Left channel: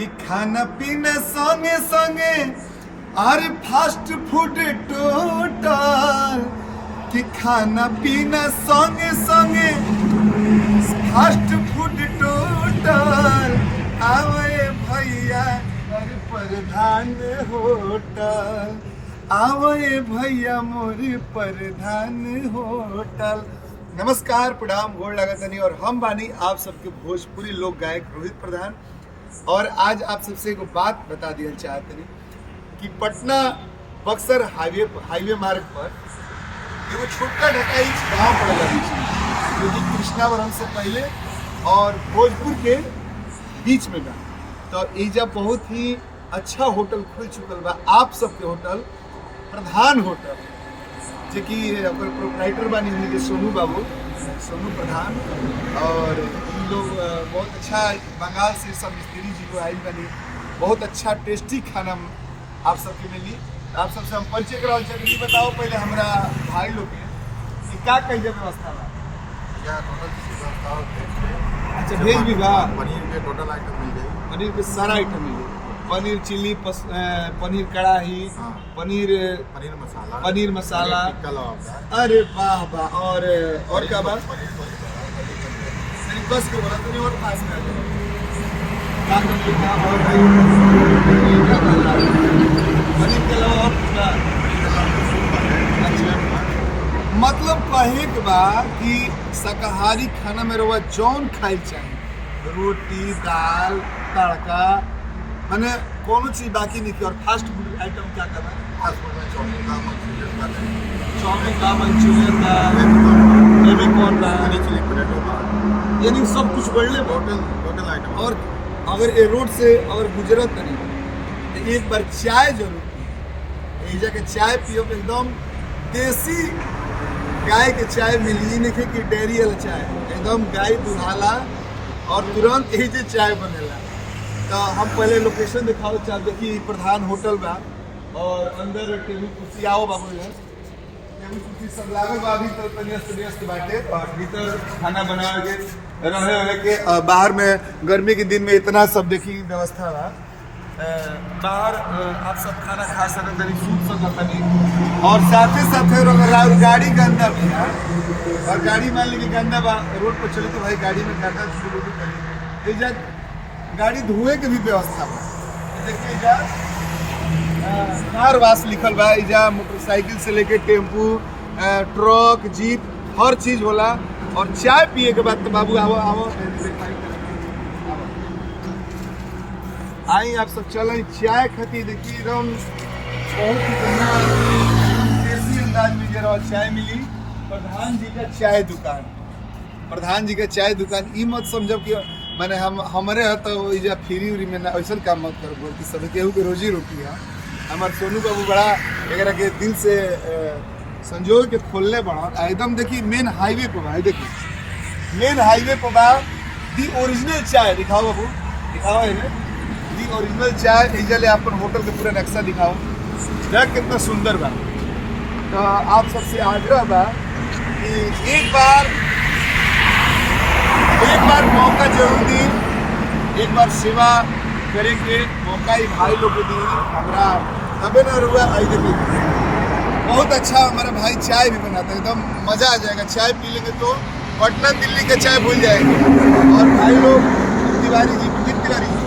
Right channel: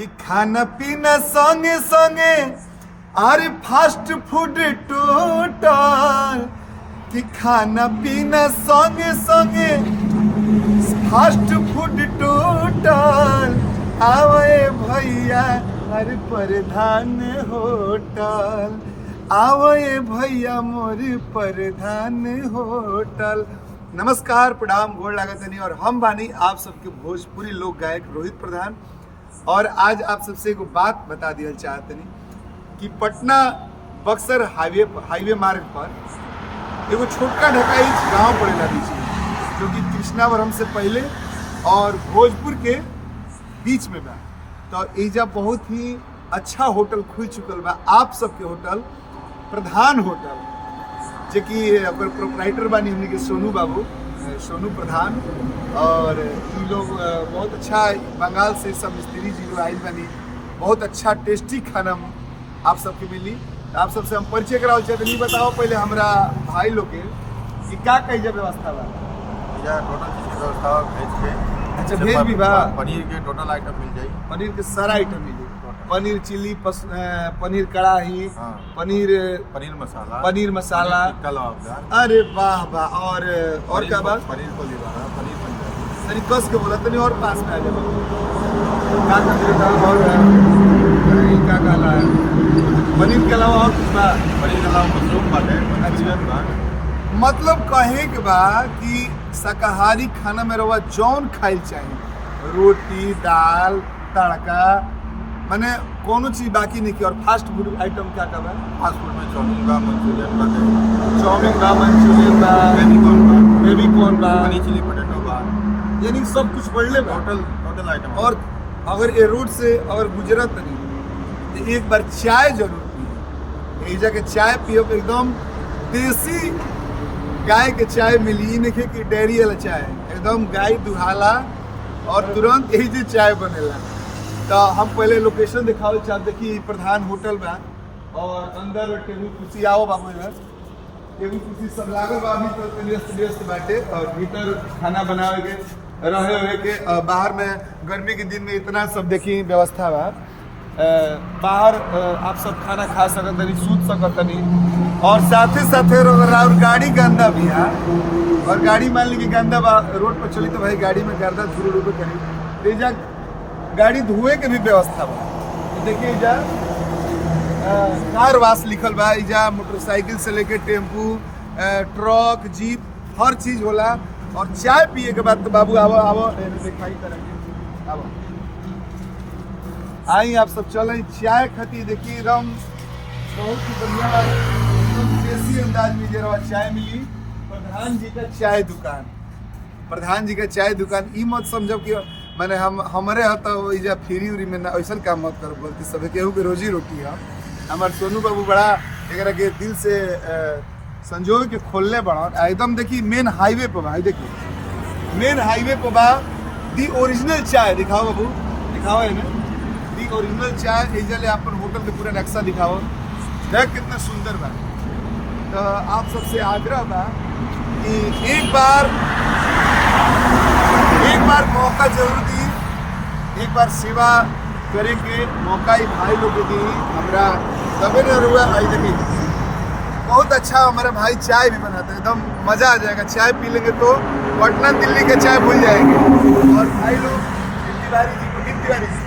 कि खाना पीना संगे संगे और फास्ट फूड टोटल कि खाना पीना संगे संगे फास्ट फूड टोटल आवे भैया हर प्रधान होटल आवे भैया मोर प्रधान होटल। नमस्कार प्रणाम गोड़ लागतनी और हम बानी आप सबके भोजपुरी लोक गायक रोहित प्रधान। और आज आप सबसे एक बात बता दिया चाहतनी कि पटना बक्सर हाईवे मार्ग पर एगो छोटका ढकाई गांव पड़ेला बीच में, जो कि कृष्णावरम से पहले और भोजपुर के बीच में बा। तो एजा बहुत ही अच्छा होटल खुल चुकल बा, आप सबके होटल प्रधान होटल, जो कि प्रोपराइटर बानी हमने के सोनू प्रधान। और इन लोग बहुत अच्छा बंगाल से सब मिस्त्री जी आइल बानी, बहुत अच्छा टेस्टी खाना आप सबके मिली। आप सबसे हम परिचय करावल चाहते नहीं, बताओ पहले हमरा भाई लोग के कि का कई व्यवस्था बा। टोटल व्यवस्था वेज के, अच्छा वेज भी बा, पनीर के टोटल आइटम मिल जाई, पनीर के सारा आइटम मिली, पनीर चिल्ली, पनीर कढ़ाई, हाँ। पनीर मसाला, टिक्का लवाबदार। अरे वाह वाह। और क्या बात, पनीर को लिवारा, पनीर पंजाबी। तनी कस के बोला तनी और पास में आ जा बाबू। क्या कर देता और ये क्या कहला है, पनीर के अलावा और कुछ बा? पनीर के अलावा मशरूम बा है। अच्छा, मतलब कहे के बा कि शाकाहारी खाना में रवा जौन खाइल चाहिए, रोटी दाल तड़का, माने कोनो चीज बाकी नहीं की। और फास्ट फूड आइटम क्या का बा? फास्ट फूड में चाउमीन बा, मंचूरियन बा, मंचूरियन बा, बेबी कॉर्न बा, पनीर चिली पोटैटो बा, यानी सब कुछ बढ़ले बा। Total item. और अगर ये रोड से अगर गुजरत नहीं तो एक बार चाय जरूर पिए। एजा के चाय पियो एकदम देसी गाय के चाय मिली, नहीं कि डेयरी वाला चाय, एकदम गाय दुहाला और तुरंत यही से चाय बनेला। तो हम पहले लोकेशन दिखाओ चाहते कि प्रधान होटल बा और अंदर टेबल कुर्सी, आओ बाबू इधर, टेबल कुर्सी सब लागल बा, अभी तो व्यस्त बाटे। और भीतर खाना बनावे के रहे के, बाहर में गर्मी के दिन में इतना सब देखी व्यवस्था बा। बाहर आप सब खाना खा सकत, सूत सकत। और साथे और गाड़ी गंदा भी है, और गाड़ी मान ली कि गंदा बा रोड पर चली तो भाई गाड़ी में गर्दा धूल उड़ कहीं एजा गाड़ी धुए के भी व्यवस्था बा। तो देखिए एजा कार वाश लिखल बा, एजा मोटरसाइकिल से लेके टेम्पू, ट्रक, जीप हर चीज होला। और चाय पिए के बाद तो बाबू आवो दिखाई तरह आवो, आई आप सब चलें चाय खाती। देखिए एकदम बहुत ही बढ़िया देसी अंदाज में जरा चाय मिली। प्रधान जी का चाय दुकान, प्रधान जी का चाय दुकान। ई मत समझब कि मैंने हमारे तो इजा फ्री उरी में ना ऐसा काम मत करो, बल्कि सभी केहू के रोजी रोटी है। हमारे सोनू बाबू बड़ा एक के दिल से संजोग के खोलने बड़ा एकदम। देखिए मेन हाईवे पर बा, देखिए मेन हाईवे पर बा दी ओरिजिनल चाय। दिखाओ बाबू, दिखाओ इन्हें दी ओरिजिनल चाय। इजा ले अपन होटल का पूरा नक्शा दिखाओ, देख कितना सुंदर बा। तो आप सबसे आग्रह बा कि एक बार मौका जरूर दी, एक बार सेवा करे के मौका ही भाई लोग दी हमरा, तबे न रुआ। आई देखिए बहुत अच्छा हमारा भाई चाय भी बनाता है, एकदम मजा आ जाएगा। चाय पी लेंगे तो पटना दिल्ली का चाय भूल जाएंगे। और भाई लोग तिवारी जी, पंडित तिवारी जी,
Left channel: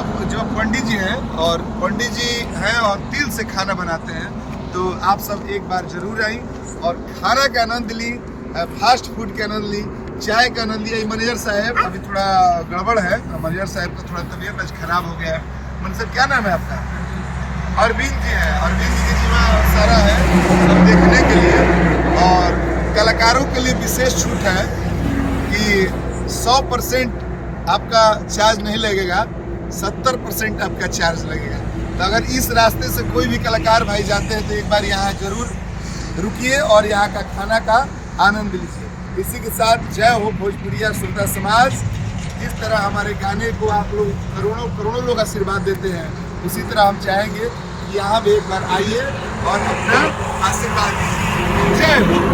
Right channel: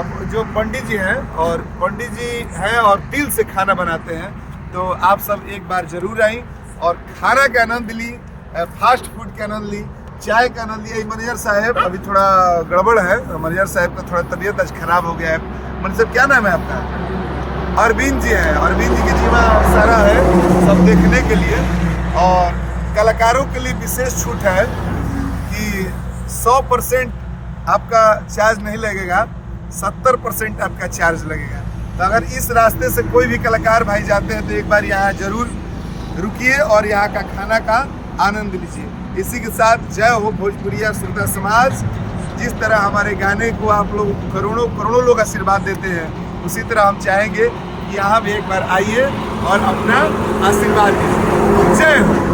अब जो पंडित जी हैं और पंडित जी हैं और दिल से खाना बनाते हैं। तो आप सब एक बार जरूर आई और खाना का आनंद ली, फास्ट फूड का आनंद ली, चाय का आनंद लिया। मैनेजर साहब अभी थोड़ा गड़बड़ है, मैनेजर साहब का थोड़ा तबीयत आज खराब हो गया है। मैनेजर क्या नाम है आपका? अरविंद जी है, अरविंद जी की जीवा सारा है सब देखने के लिए। और कलाकारों के लिए विशेष छूट है कि 100% आपका चार्ज नहीं लगेगा, 70% आपका चार्ज लगेगा। तो अगर इस रास्ते से कोई भी कलाकार भाई जाते हैं तो एक बार यहाँ जरूर रुकिए और यहाँ का खाना का आनंद लीजिए। इसी के साथ जय हो भोजपुरिया श्रोता समाज। जिस तरह हमारे गाने को आप लोग करोड़ों लोग आशीर्वाद देते हैं, उसी तरह हम चाहेंगे कि यहाँ भी एक बार आइए और अपना आशीर्वाद दीजिए। जय हो।